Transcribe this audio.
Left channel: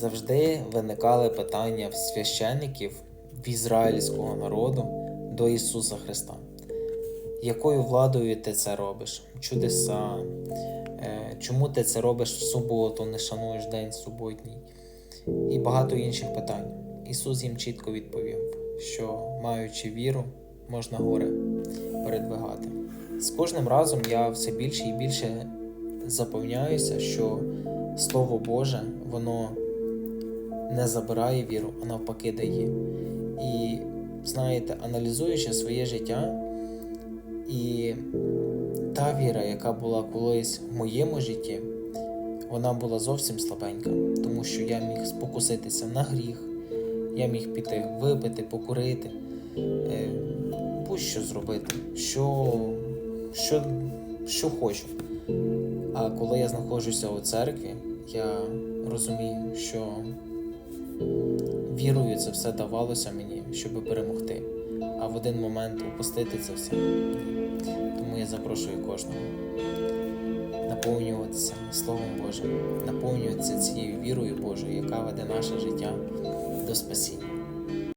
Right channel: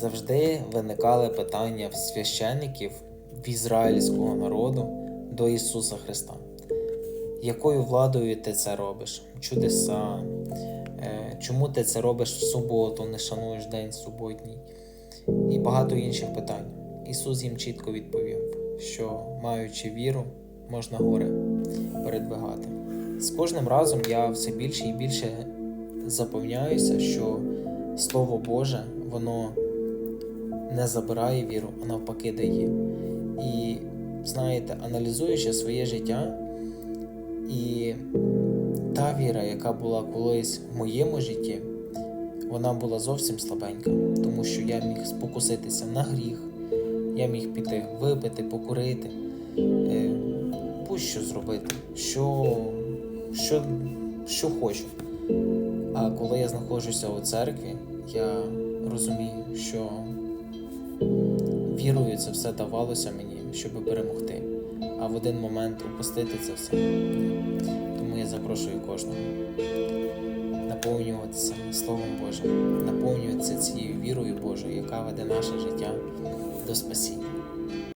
Завжди виникали питання в священників в ізраїльського народу до Ісуса Христа. Якою владою ти це робиш? Чудеса? Е, Чому ти це робиш в суботу, не шануєш день суботній? І багато інших питань. Ісус їм чітко відповів, що маючи віру, можна гори передвигати. З кожним разом я все більше і більше запевняюся, що Слово Боже, воно не забирає віру, а навпаки дає. І знаєте, аналізуючи своє життя, і та віра, яка була колись в моєму житті, вона була зовсім слабенька, тому що я міг спокуситися на гріх, я міг піти випити, покурити, е, будь-що зробити, що, що, що хочу. А коли я знаходжуся у церкві, я розумію, що вірою це все давалося мені, щоб перемогти. А в один момент упустити це все. Тому я запрошую кожного наповнюватися Словом Божим, наповнюватися цією вірою Божою, яка веде наше життя до спасіння.